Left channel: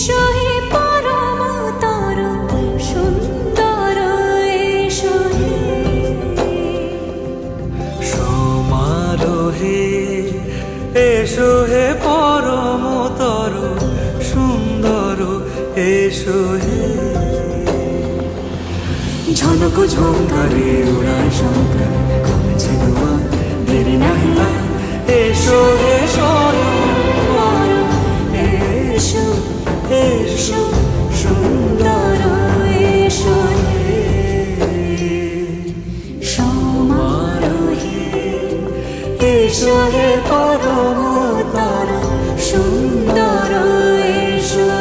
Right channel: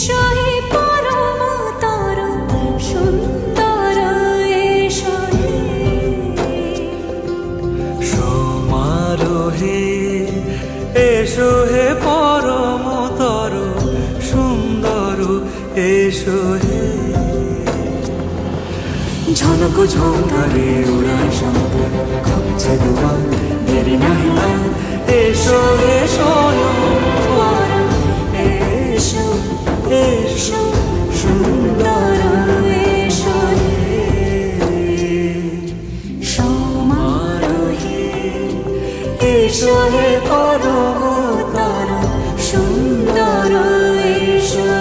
এসো হে পরমতর সুন্দর এসো হে সমারোহে এসো হে পরমতর সুন্দর এসো হে ঝনক ঝঙ্কারে উড়ায় শঙ্কারে কমেছে দুয়ার দেরি নাহি আর এসো হে স্বয়ং পরম এসো এসো সুন্দর এসো হে সমারোহে এসো হে পরমতর সুন্দর এসো